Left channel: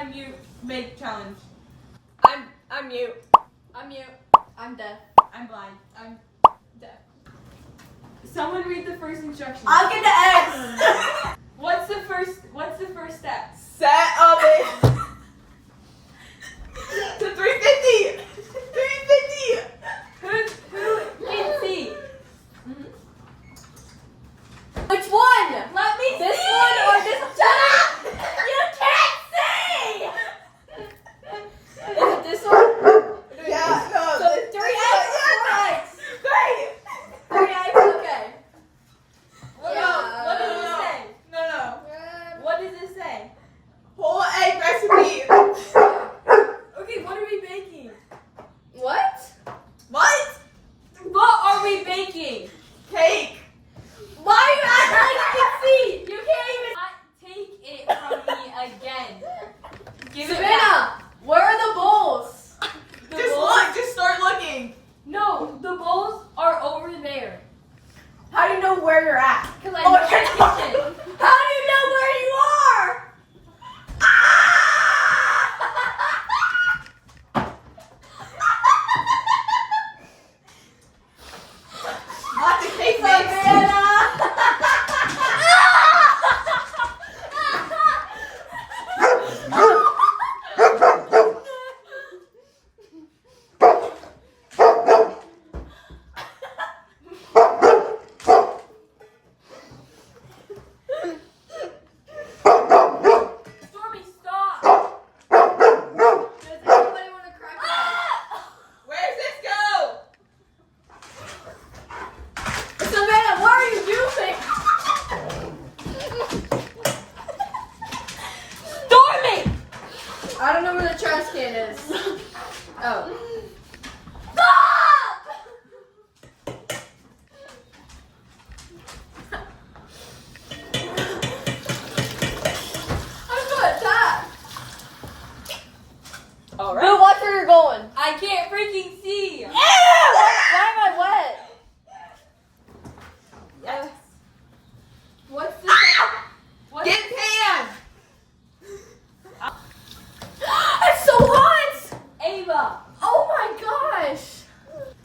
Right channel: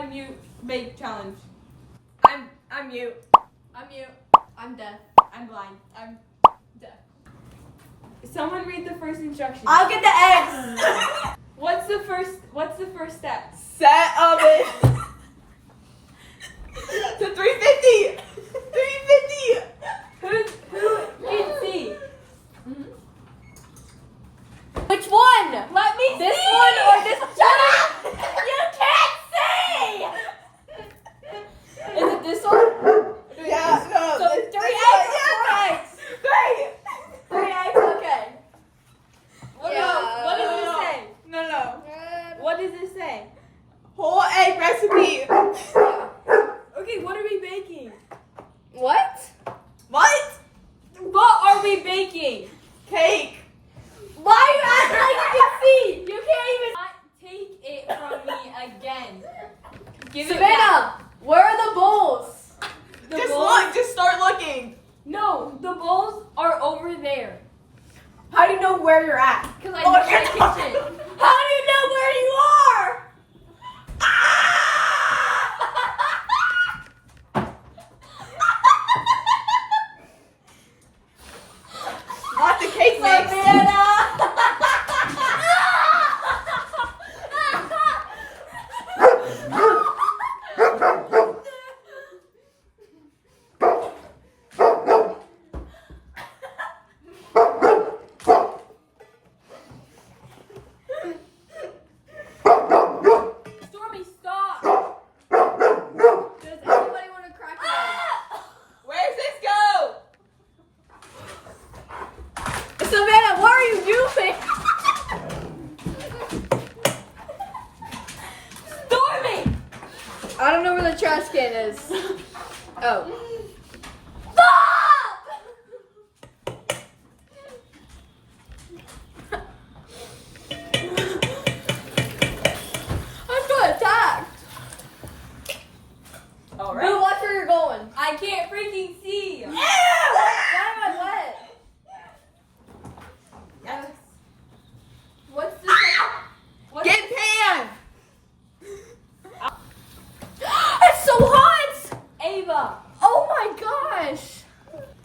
unmute make challenge. I'm mute. I'm mute. I'm deaf. I'm blind. I'm deaf. Someone read the first instruction. I'll get the eggs. What's the first step? Set of it to 350. 350. Who can see? Which one? Let me This see. one or this one? Shut up! You can't see! Is it this one? Yeah, no. So it's 3 eggs. 4 eggs. Great. 3 eggs, okay. What does it say? No. What does it say? Whole egg recipe. Okay, what are we baking? What? What? What are we baking? Cake. Why are you acting like you can see? You can't even. Take it from me again. Give it back. Savannah, where are the bowls? The Just bowls- look. Just start looking. No, the bowls are over there. How do you know where you're at? Because I Oh, know I my can't- kitchen. How do you know where you are? Lots of cake mix. Stormy, stop. Does anybody want to crack eggs? Where's this go? Savannah, what are you doing? Stormy! I don't know where the trash can is. Oh. I'm gonna attack. All Bill, watch where you're going. I can't freaking see. Why am I wet? Yes. What's this? What? Get pan. It's so hot! Ava. Oh my gosh!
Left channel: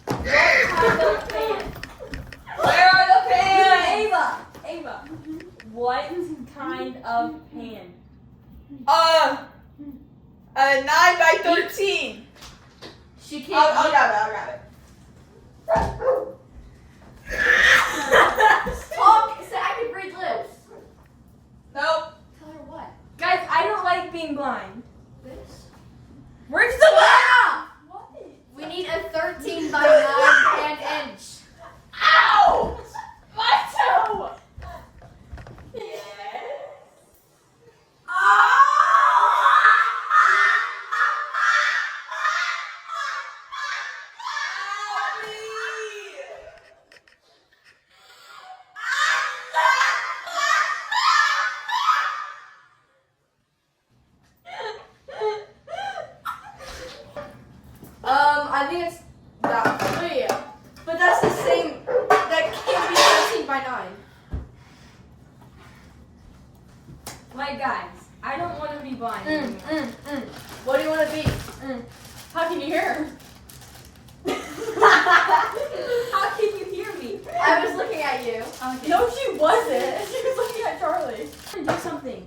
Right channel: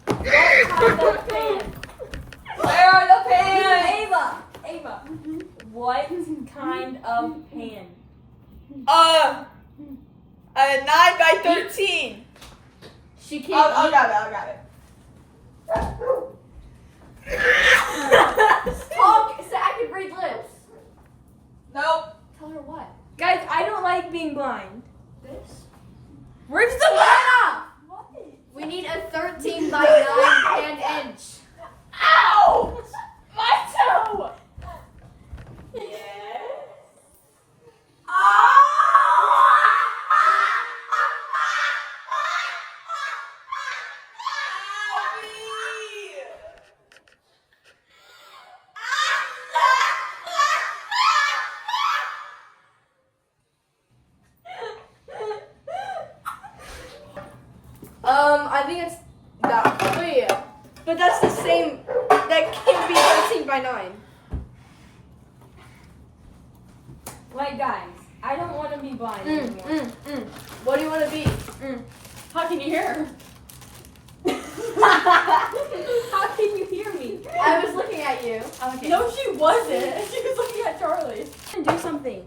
Where are the pans? Ava. What kind of pan? A 9 by 13. She can't. I'll grab it. Talk so I can read lips. Nope. Tell her what? Guys, I don't like being blind. This? Where's the Savannah! What? We need a 13 by 9 pan inch. Ow! My toe! I think it's that. Wait, but that's the same. That can't be 13 by 9. Like, guys, I don't want to be blind anymore. What do you want to be? How can you hear? How can you hear me? I was looking at you. Okay. No, she wasn't. She was looking at Charlie. Do something.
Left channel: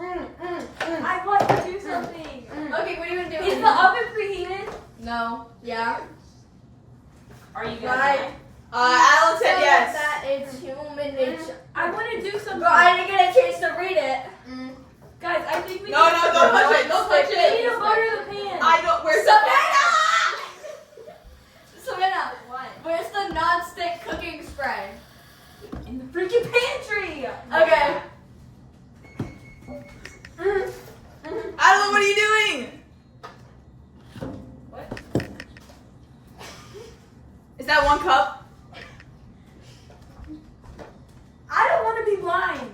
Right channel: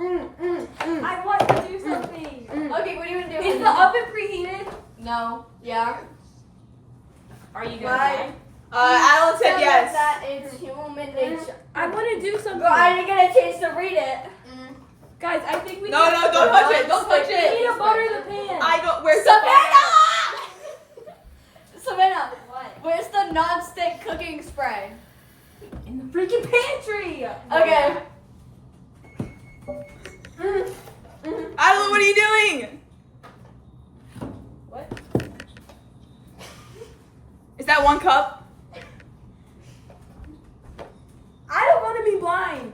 I I want to do something. Okay, what are you gonna do? Is the oven preheated? No. Yeah. Are you Right. guys? Alan said yes. That it's human nature. I want to do something. Girl, I didn't get a chance to read it. Guys, I think we No, need no, don't touch it. Don't touch we need to it. butter the pan. I know. Where's the Savannah! Savannah, What? where's the non-stick cooking spray? In the freaking pantry. Okay. Alan, what are you doing? What? Is that 1 cup? I don't want to be blind.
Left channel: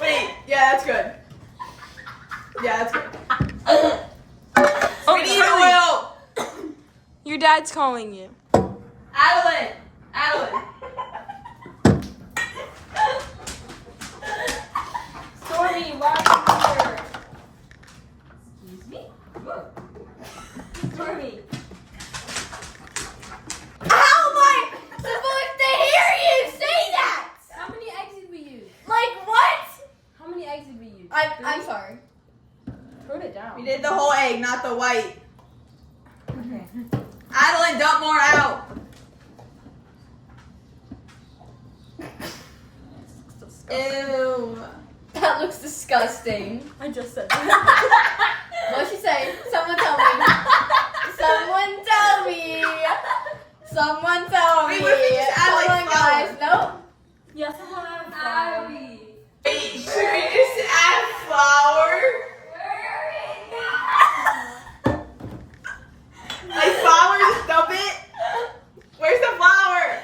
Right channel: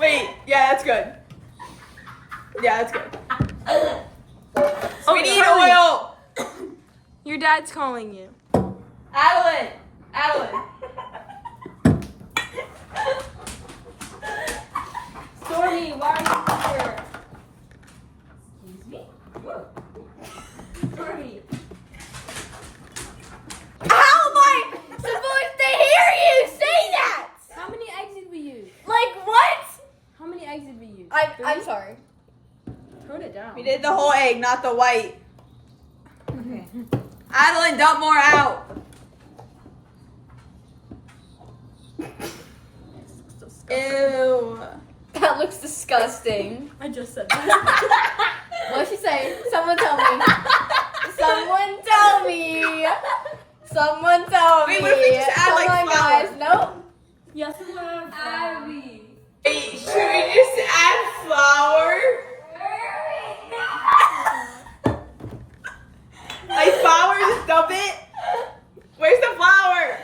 Wait. Yeah, that's good. Yeah, that's good. Oh, We need oil. Your dad's calling you. Adeline. Adeline. We did the whole egg, not the white. Adeline, dump more out. Ew. That looks disgusting. I just said that. What's she saying? Someone tell me. Someone tell me. Someone tell me. Wait, what if we just add, Come like, on, flour? guys. No. Yes, Abby. Wait, should we just add flour? Like flour, just dump it? Where's the flour?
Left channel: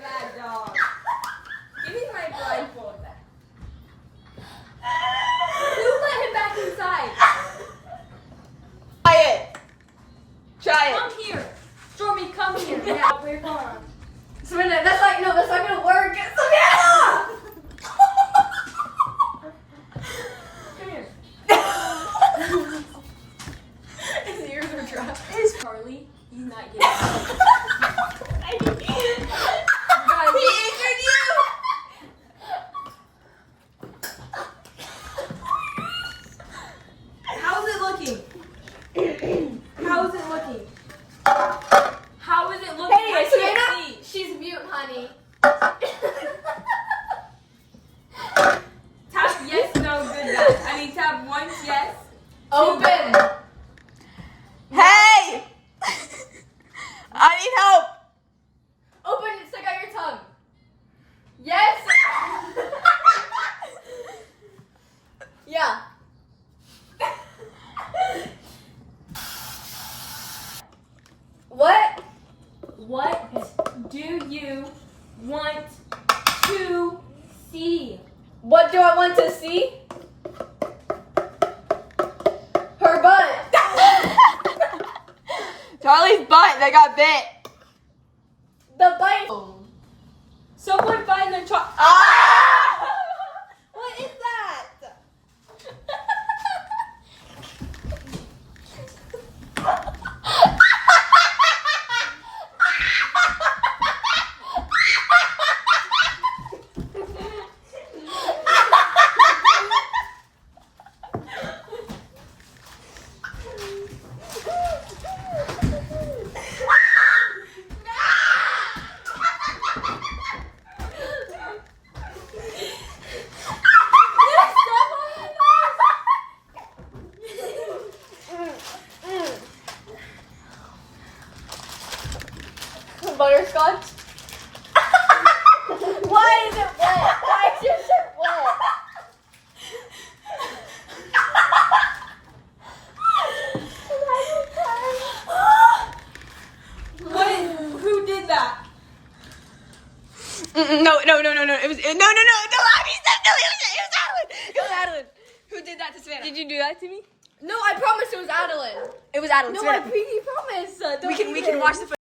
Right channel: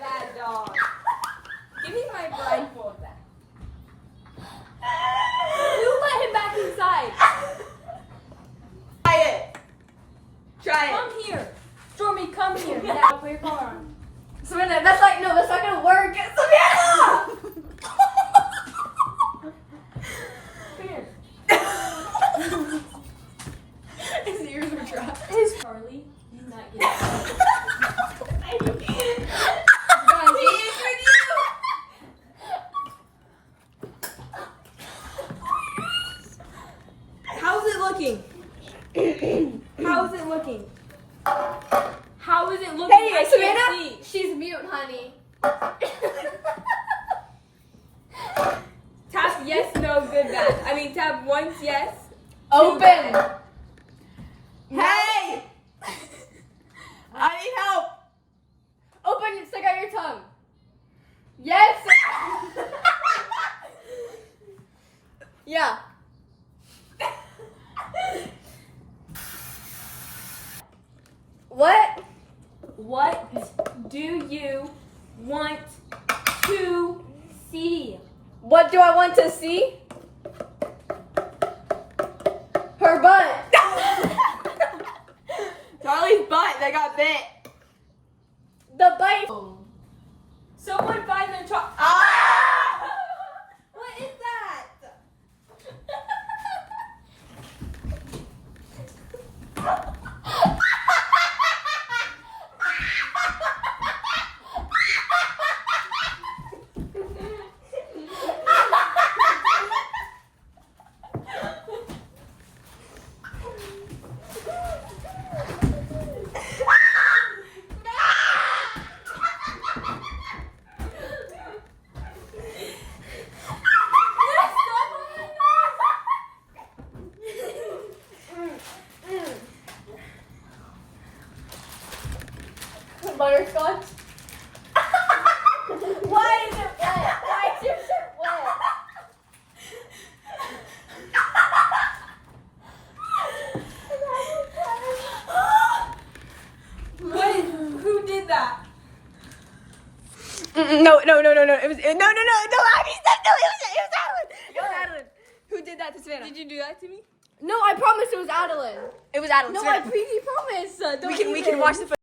Bad dog. Give me my blindfold back. Who let him back inside? Try it. Try it. Come here. Stormy, come here. Yeah, we're going. Serena, that's not gonna work. Savannah! Come here. His ears are dry. Charlie, he's not yet. Guys, how's it looking? How's it looking? How is it looking? Hey, I Savannah, can't see. she's mute, honey. Tap yes, no, good, bad. I mean, tap once yes. Open. Hey! I need help. Open it. Stick out your tongue. Yes. Yeah. What? What do you want to see? What do I want to see? Her butt. Charlie's butt that got bit. The bite. Someone find their child. Ah! What is that? Butterscotch. Why is it wet? Why is your shirt wet? What? Who did that? No. It was no. Abby, stop. No, it was Adeline. It was Adeline. Who did that to Savannah? Did you do that to me? No, I promised it was Adeline. It was Adeline. No, I Savannah. pinky promise. We can watch the.